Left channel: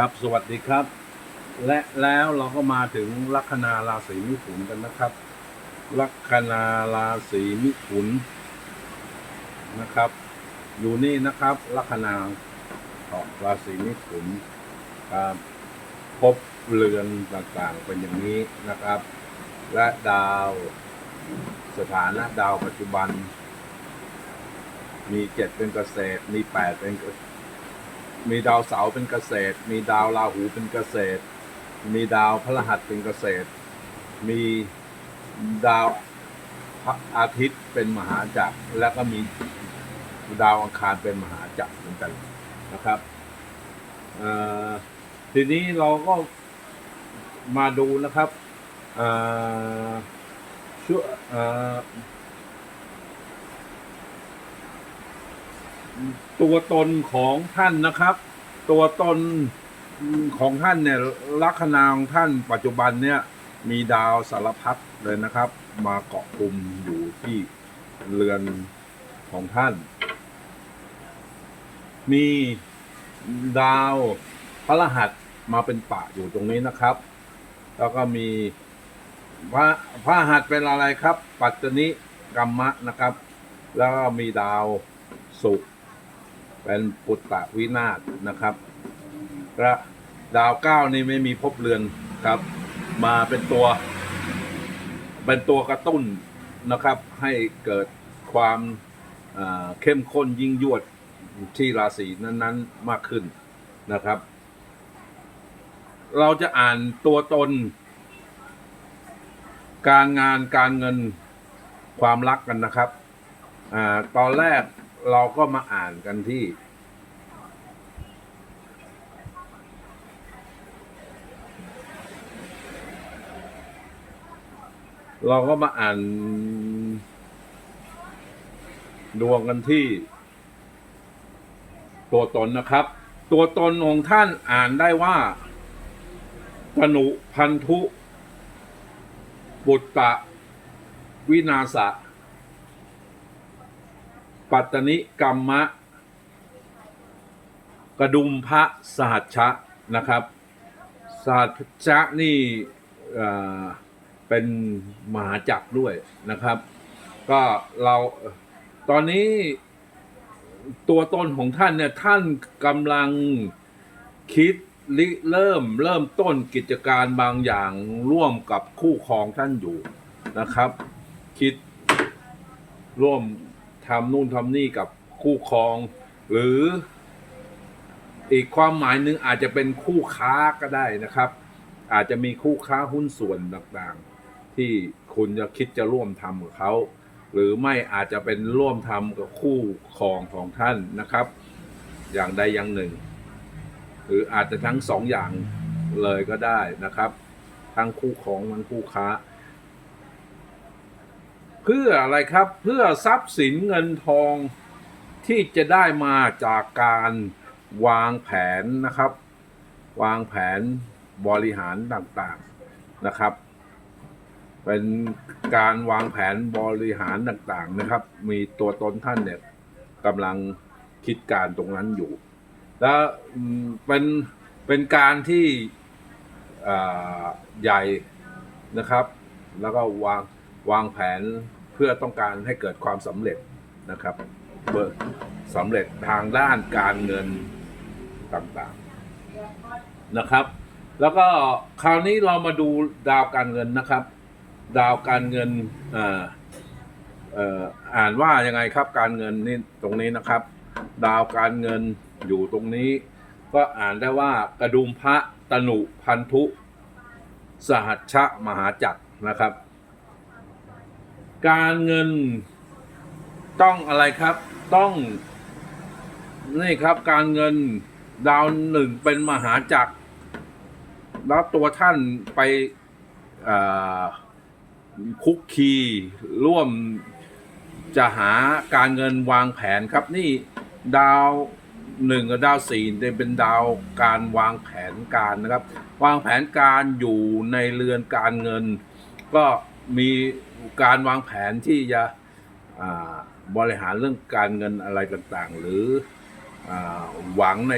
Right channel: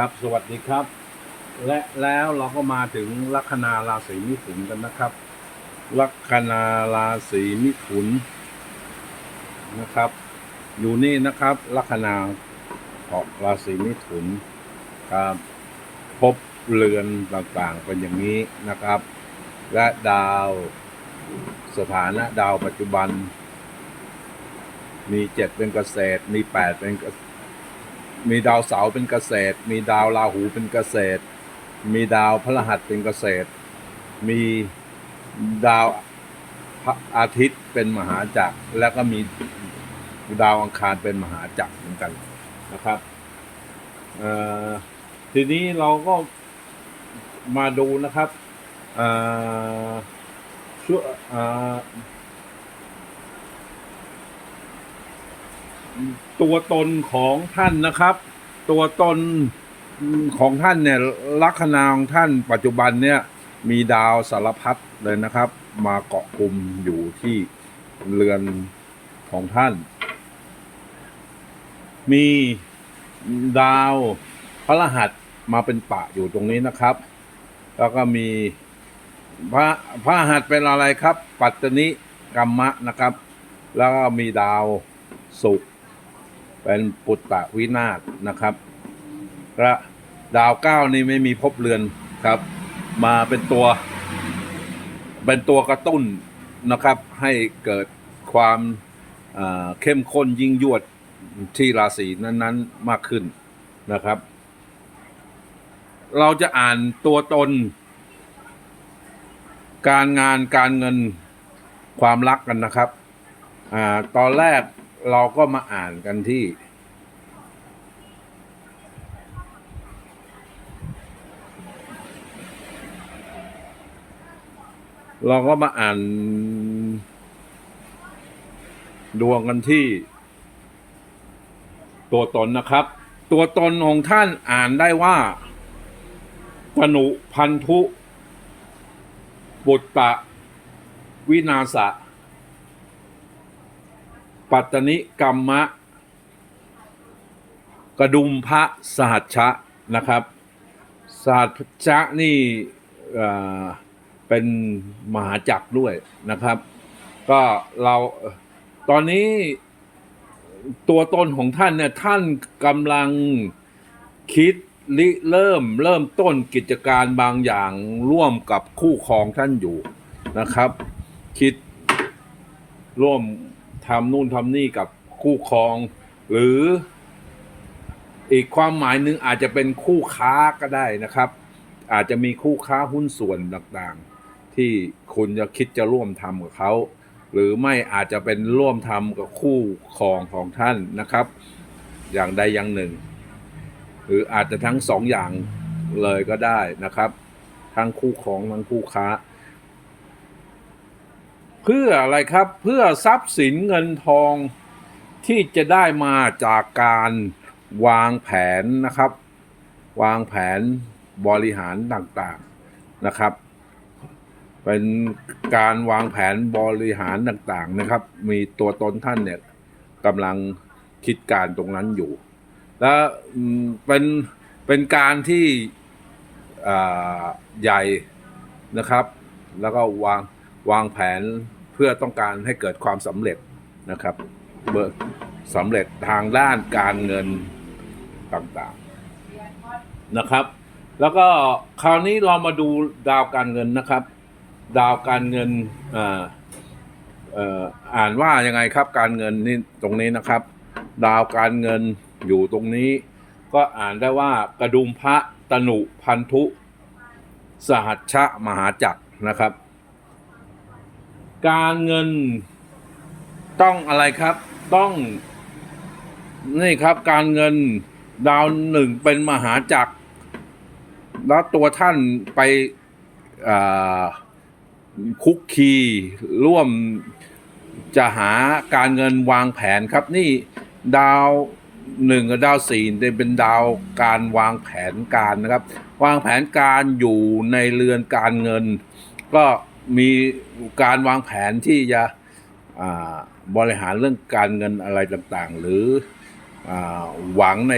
ครับ สวัสดีครับ และแล้วเราก็มาถึงลัคนาราศีมิถุนกันนะครับ ลัคนาราศีมิถุนนะครับ อยู่นี่นะครับ ลัคนาของราศีมิถุนครับพบเรือนต่างๆเป็นอย่างนี้นะครับ และดาวสถานะดาวปัจจุบัน มีเจ็ดเป็นเกษตร มีแปดเป็นเกษ มีดาวเสาร์เป็นเกษตร มีดาวราหูเป็นเกษตร มีดาวพฤหัสเป็นเกษตร มีดาวพระอาทิตย์เป็นมหาจักร แล้วก็มีดาวอังคารเป็นมหาจักรเหมือนกันนะครับทีนี้เราก็มาดูนะครับเอ่อช่วเอ่อ ตัวตนของท่านนะครับ ตัวตนของท่านเนี่ยลัคนาของท่านปัจจุบันเนี่ยมีดาวสารพัดเลยนะครับ มาเกาะกลุ่มอยู่ที่เรือนของท่าน มีดาวพระรหัสมาเป็นปะอยู่ตรงนี้นะครับ แล้วก็มีพระพระรหัสเป็นอะไรครับ ปัตตนิกรรมะนะครับ แล้วก็มีดาวศุกร เป็นปุตตะวินาศนะครับและดาวเก้านี่ไม่มีภพเรือนครับ มาเป็นตัว เป็นตัวกระตุ้นนะครับ ให้เกิดความเข้มข้นยิ่งยวดที่ราศีนั้นๆมากขึ้นนะครับ เราจะอ่านตัวตน การงานการเงินความรักกันนะครับอ่าตอนแรก เราก็มาอ่านกันที่ เราก็มาอ่าน ดวงกันที่ ตัวตนนะครับ ตัวตนของท่านอ่านได้ว่าปนุพันธุ บุตตะวินาศะ ปัตตนิกรรมะ กระดุมพระสหัชชะนะครับสหัชชะนี่เอ่อเป็นมหาจักรด้วยนะครับ ก็เราตอนนี้ตัวตนของท่านเนี่ยท่านกำลังคิดริเริ่มเริ่มต้นกิจการบางอย่างร่วมกับคู่ครองท่านอยู่นะครับ คิดร่วม ทำนู่นทำนี่กับคู่ครอง หรืออีกความหมายหนึ่งอาจจะเป็นคู่ค้าก็ได้นะครับ อาจจะมีคู่ค้าหุ้นส่วนต่างๆ ที่คุณจะคิดจะร่วมทำกับเขา หรือไม่อาจจะเป็นร่วมทำกับคู่ครองของท่านนะครับ อย่างใดอย่างหนึ่ง หรืออาจจะทั้งสองอย่างเลยก็ได้นะครับ ทั้งคู่ครองทั้งคู่ค้า เพื่ออะไรครับเพื่อทรัพย์สินเงินทองที่จะได้มาจากการวางแผนนะครับ วางแผนบริหารต่างๆนะครับ เป็นการวางแผนบริหารต่างๆนะครับ มีตัวตนท่านเนี่ยกำลังคิดการตรงนั้นอยู่ แล้วเป็นเป็นการที่ใหญ่นะครับ แล้วก็วางวางแผน เพื่อต้องการให้เกิดความสำเร็จนะครับเบิกสำเร็จทางด้านการเงินต่างๆนะครับ แล้วก็คราวนี้เรามาดูดาวการเงินนะครับ ดาวการเงินอ่าอ่ออ่านว่ายังไงครับการเงินนี่ตรงนี้นะครับ ดาวการเงินอยู่ตรงนี้ ก็อ่านได้ว่ากระดุมพระตนุพันธุ สหัชชะมหาจักรนะครับ การเงินต้องอะไรครับ ต้อง นี่ครับการเงินดาวหนึ่งเป็นมหาจักร แล้วตัวท่านไปคุกคีร่วมจะหาการเงินวางแผนครับ นี่ดาวหนึ่งกับดาวสี่เป็นดาวการวางแผนการนะครับ วางแผนการอยู่ในเรือนการเงิน ก็ มีการวางแผนที่จะบริหารเรื่องการเงินอะไรต่างๆ หรืออหวังใน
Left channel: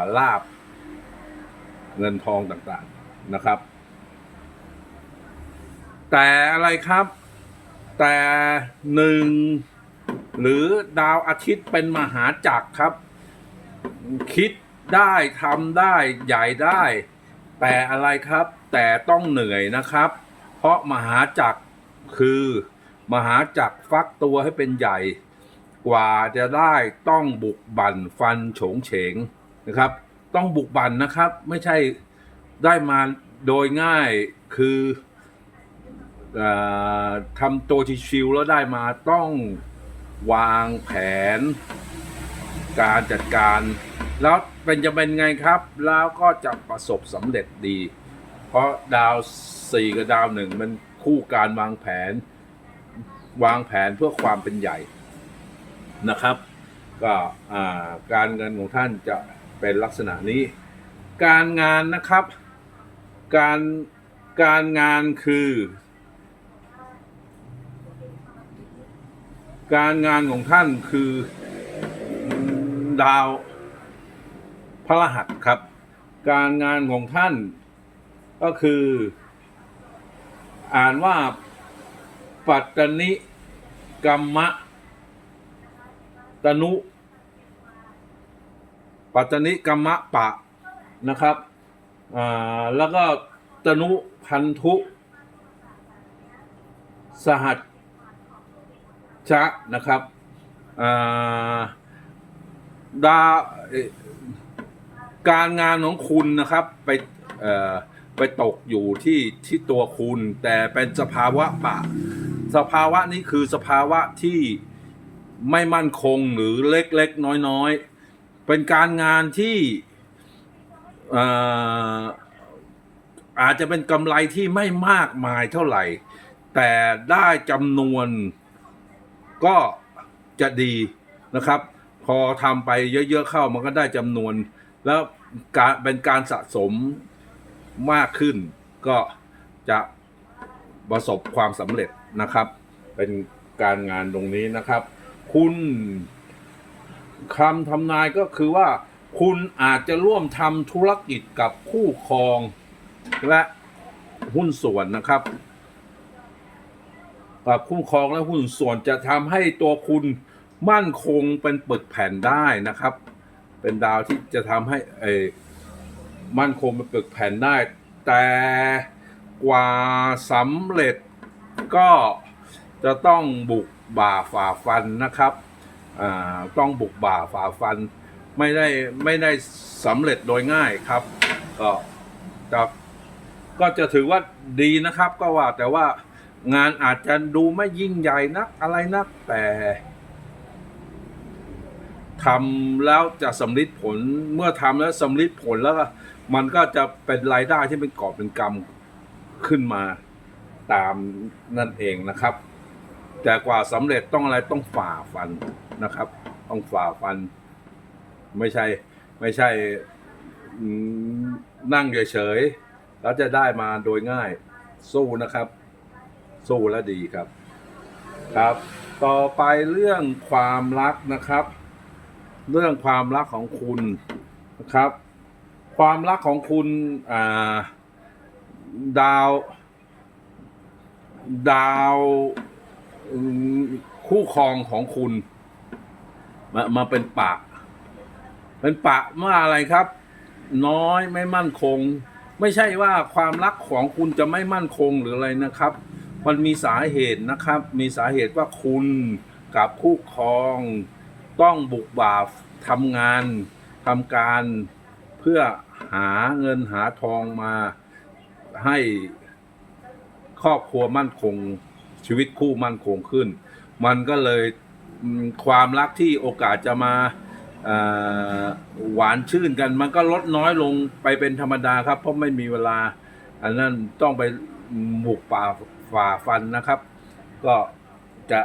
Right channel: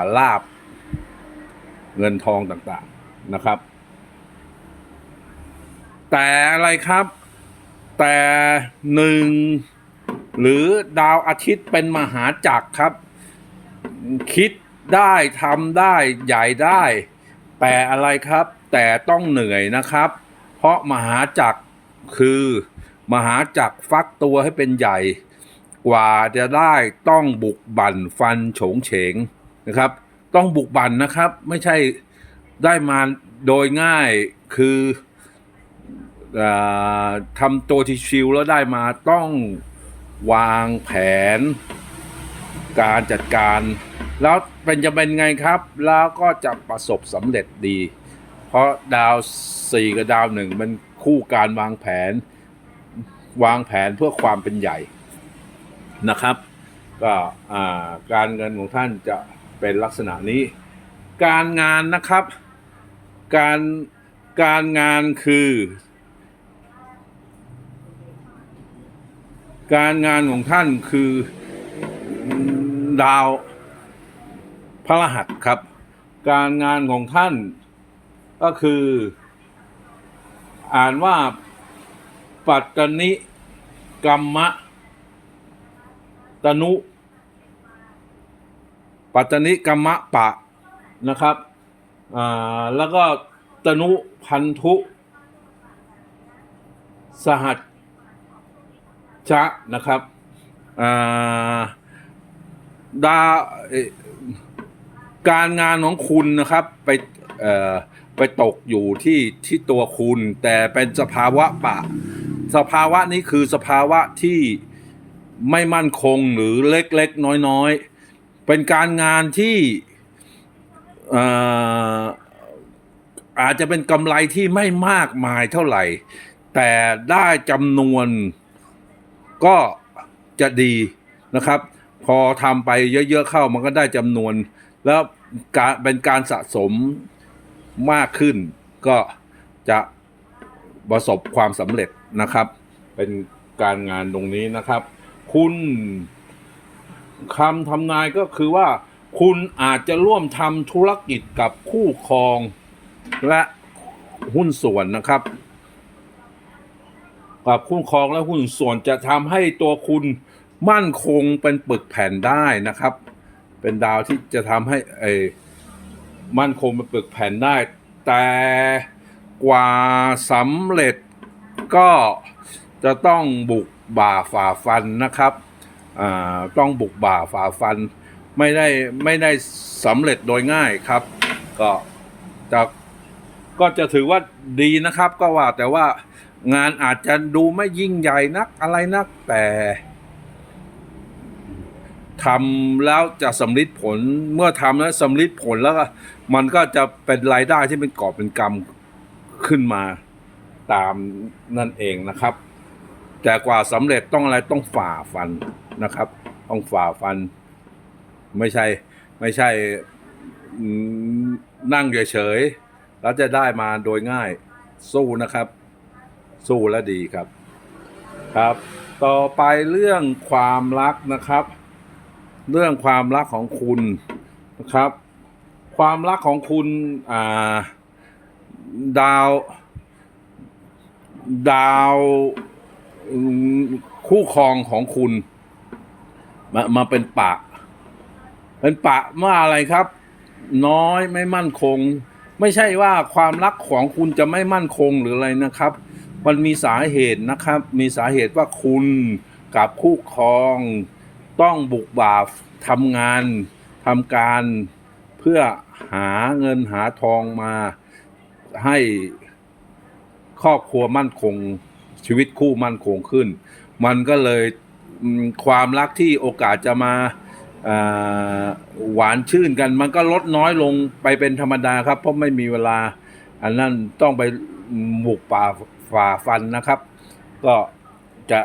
าลาบเงินทองต่างๆนะครับ แต่อะไรครับ แต่หนึ่งหรือดาวอาทิตย์เป็นมหาจักรครับ คิดได้ทำได้ใหญ่ได้ แต่อะไรครับ แต่ต้องเหนื่อยนะครับ เพราะมหาจักรคือมหาจักรฟักตัวให้เป็นใหญ่ กว่าจะได้ต้องบุกบั่นฟันโฉงเฉงนะครับ ต้องบุกบั่นนะครับ ไม่ใช่ได้มาโดยง่ายคืออทำตัวที่ชิวแล้วได้มาต้องวางแผน การจัดการ แล้วเป็นจะเป็นไงครับ แล้วก็จะประสบสำเร็จดี เพราะดาวสี่กับดาวหนึ่งมันคู่การวางแผน วางแผนเพื่อความเป็นใหญ่นะครับ ก็การเงินของท่านจะเป็นลักษณะนี้ การงานนะครับ การการงานคือ การงานของท่านคือดาวพระรหัสครับ การงานของท่าน ก็คือ อ่านว่าปัตตนิกรรมะตนุ ปัตตนิกรรมะปะนะครับอ่าแล้วก็ตนุพันธุ สหัสชะนะครับอ่าดาการงานของคุณนะครับ ไป ไปตกอยู่ที่ที่ตัวคุณ แต่เป็นสภาวะปะ สภาวะนี้คือสภาวะที่ไม่มั่นคงหรือเล็กๆน้อยๆ เป็นการงานที่ออาจจะเป็นกำไรที่ไม่มากมายเท่าไหร่ แต่ได้จำนวนก็จะดีนะครับ พอทำไปเยอะๆเข้ามันก็ได้จำนวน แล้วเป็นการสะสม มากขึ้น ก็จะประสบความสำเร็จนะครับ เป็นการงานตรงนี้นะครับ คุณคำทำนายก็คือว่า คุณอาจจะร่วมทำธุรกิจกับคู่ครองและหุ้นส่วนนะครับ กับคู่ครองและหุ้นส่วนจะทำให้ตัวคุณมั่นคงเป็นปึกแผ่นได้นะครับ เป็นดาวที่จะทำให้เออ มั่นคงเป็นปึกแผ่นได้ แต่กว่าสำเร็จก็จะต้องบุกบ่าฝ่าฟันนะครับอ่าต้องบุกบ่าฝ่าฟันไม่ได้ไม่ได้สำเร็จโดยง่ายครับ ก็จะก็จะถือว่าดีนะครับ ก็ว่าแต่ว่างานอาจจะดูไม่ยิ่งใหญ่นักอะไรนักแต่ ทำแล้วจะสำลิดผลเมื่อทำแล้วสำลิดผลแล้วก็มันก็จะเป็นรายได้ที่เป็นกอบเป็นกำขึ้นมาตามนั่นเองนะครับ แต่กว่าสำเร็จต้องอะไรต้องฝ่าฟันนะครับ ต้องฝ่าฟัน ไม่ใช่ไม่ใช่นั่งเฉยๆแล้วจะได้มาโดยง่ายสู้นะครับ สู้และดีครับ ครับ ต่อไปเรื่องความรักนะครับ เรื่องความรักของคุณนะครับ ความรักของคุณาดาว ดาวคู่ครองของคุณมามาเป็นปะ เป็นปะว่าอะไรครับ น้อยไม่มั่นคง ไม่ใช่ว่าความรักของคุณจะไม่มั่นคงหรืออะไรนะครับ มันมีสาเหตุนะครับ มีสาเหตุว่าคุณกับคู่ครอง ต้องบุกบ่าทำงานทำการเพื่อหาเงินหาทองมาให้ครอบครัวมั่นคงชีวิตคู่มั่นคงขึ้น มันก็เลยความรักที่โอกาสจะมาหวานชื่นกัน มันก็ลดน้อยลงไปเป็นธรรมดาครับ เพราะไม่มีเวลา อันนั้นต้องไปบุกป่าฝ่าฟันนะครับ ก็จะ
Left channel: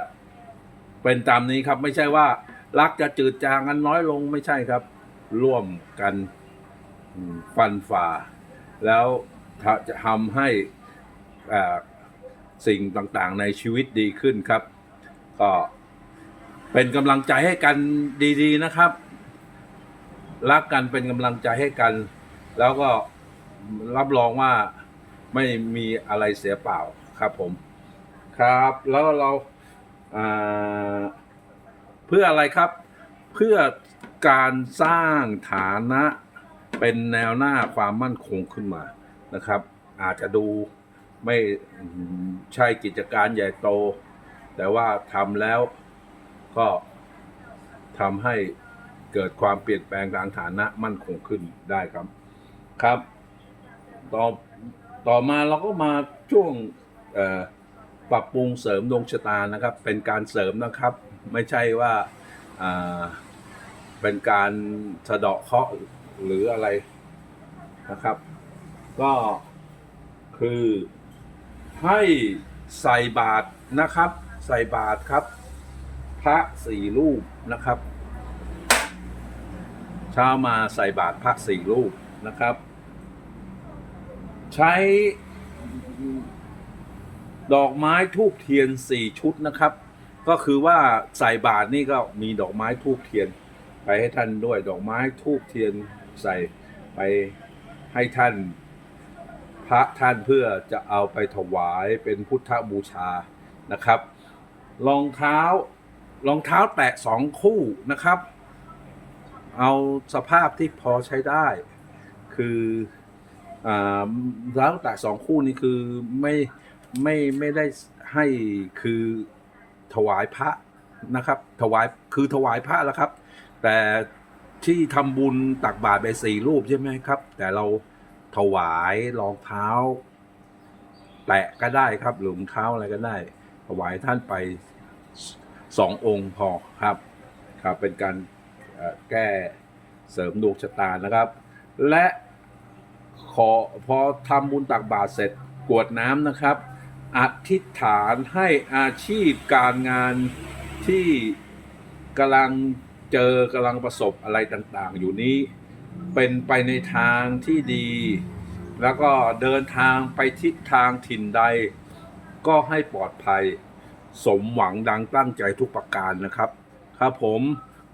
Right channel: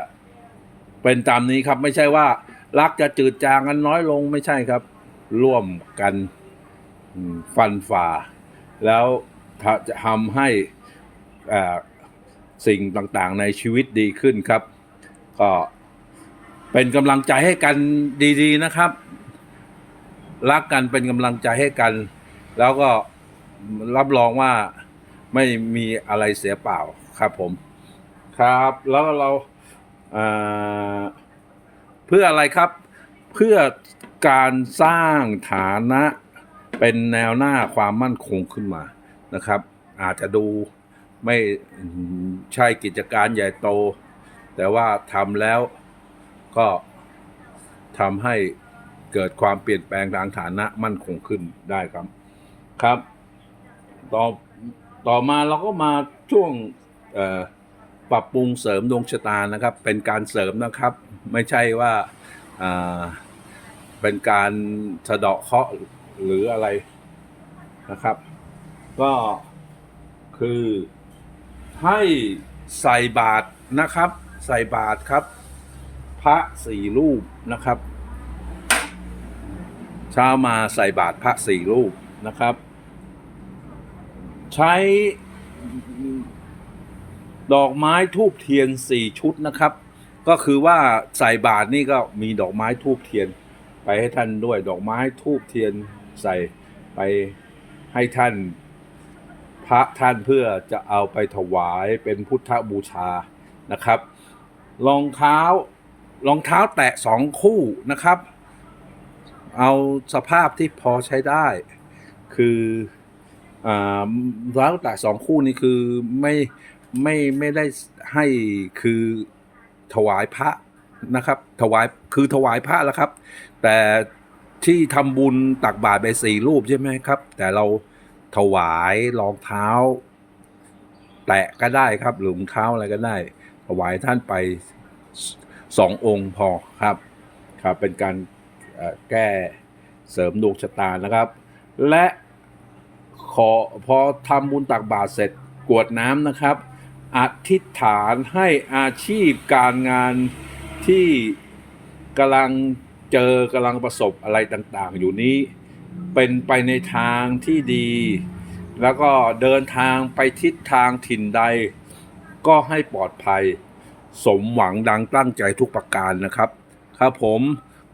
เป็นตามนี้ครับไม่ใช่ว่า รักจะจืดจางกันน้อยลงไม่ใช่ครับ ร่วมกันฟันฝ่า แล้วจะทำให้สิ่งต่างๆในชีวิตดีขึ้นครับ ก็เป็นกำลังใจให้กันดีๆนะครับ รักกันเป็นกำลังใจให้กัน แล้วก็รับรองว่าไม่มีอะไรเสียเปล่าครับผม ครับ แล้วเราเอ่อ เพื่ออะไรครับ เพื่อการสร้างฐานะเป็นแนวหน้าความมั่นคงขึ้นมานะครับ อาจจะดูไม่ใช่กิจการใหญ่โต แต่ว่าทำแล้วก็ทำให้เกิดความเปลี่ยนแปลงทางฐานะมั่นคงขึ้นได้ครับครับ ต่อต่อมาเราก็มาช่วงเอ่อ ปรับปรุงเสริมดวงชะตานะครับ เป็นการเสริมนะครับ ไม่ใช่ว่าเป็นการสะเดาะเคราะห์หรืออะไรนะครับ ก็คือให้ใส่บาตรนะครับ ใส่บาตรครับ พระสี่รูปนะครับเช้ามาใส่บาตรพระสี่รูปนะครับ ใช้ ดอกไม้ทูบเทียนสี่ชุดนะครับ ก็คือว่าใส่บาตรนี่ก็มีดอกไม้ทูบเทียน ไปให้ท่านด้วย ดอกไม้ทูบเทียนใส่ไปให้ท่าน พระท่านเพื่อจะเอาไปถวายเป็นพุทธบูชานะครับรองเท้ารองเท้าแตะสองคู่นะครับ เอาสภาพที่พอใช้ได้ คือรองเท้าแตะสองคู่นี่คือไม่ ไม่ไม่ได้ให้คือถวายพระนะครับ ถวายคือถวายพระแล้วครับ แต่ที่ทำบุญตักบาตรไปสี่รูปใช่ไหมครับ แต่เราถวายรองเท้า แตะก็ได้ครับหรือรองเท้าอะไรก็ได้ ถวายท่านไปสององค์พอครับครับเป็นการแก้เสริมดวงชะตานะครับ และขอพอทำบุญตักบาตรเสร็จกวดน้ำนะครับ อธิษฐานให้อาชีพการงานที่กำลังเจอกำลังประสบอะไรต่างๆ อยู่นี้ เป็นไปในทางที่ดี แล้วก็เดินทางไปทิศทางถิ่นใด ก็ให้ปลอดภัย สมหวังดังตั้งใจทุกประการนะครับ ครับผม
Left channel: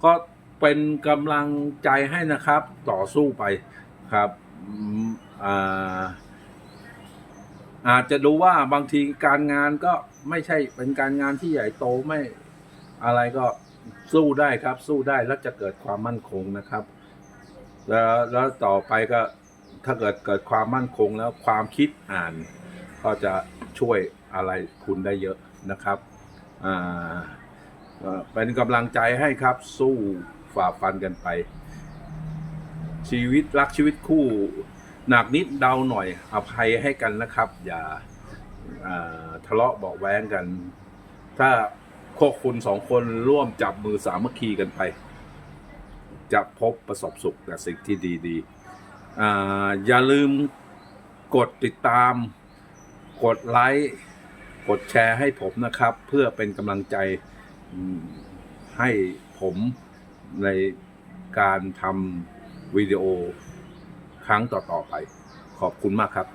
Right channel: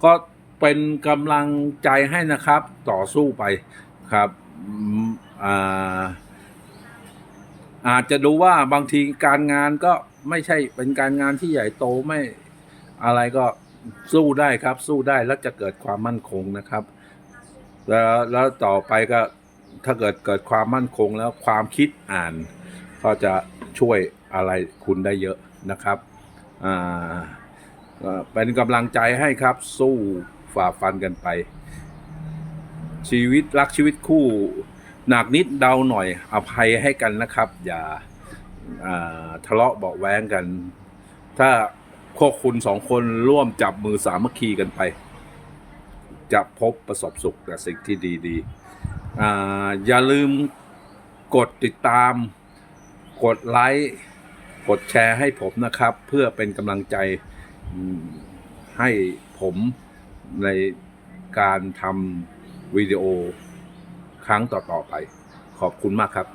ก็เป็นกำลังใจให้นะครับต่อสู้ไปครับอ่า อาจจะดูว่าบางทีการงานก็ไม่ใช่เป็นการงานที่ใหญ่โตไม่อะไรก็สู้ได้ครับ สู้ได้แล้วจะเกิดความมั่นคงนะครับ แล้วแล้วต่อไปก็ถ้าเกิดเกิดความมั่นคงแล้วความคิดอ่าน ก็จะช่วยอะไรคุณได้เยอะนะครับอ่าเป็นกำลังใจให้ครับ สู้ฝ่าฟันกันไป ชีวิตรักชีวิตคู่ หนักนิดเดาหน่อยอภัยให้กันนะครับ อย่าทะเลาะเบาแว้งกัน ถ้าพวกคุณสองคนร่วมจับมือสามัคคีกันไป จะพบประสบสุขแต่สิ่งที่ดีๆออย่าลืมกดติดตาม กดไลค์กดแชร์ให้ผมนะครับ เพื่อเป็นกำลังใจให้ผมในการทำวิดีโอ ครั้งต่อๆไป ขอบคุณมากครับ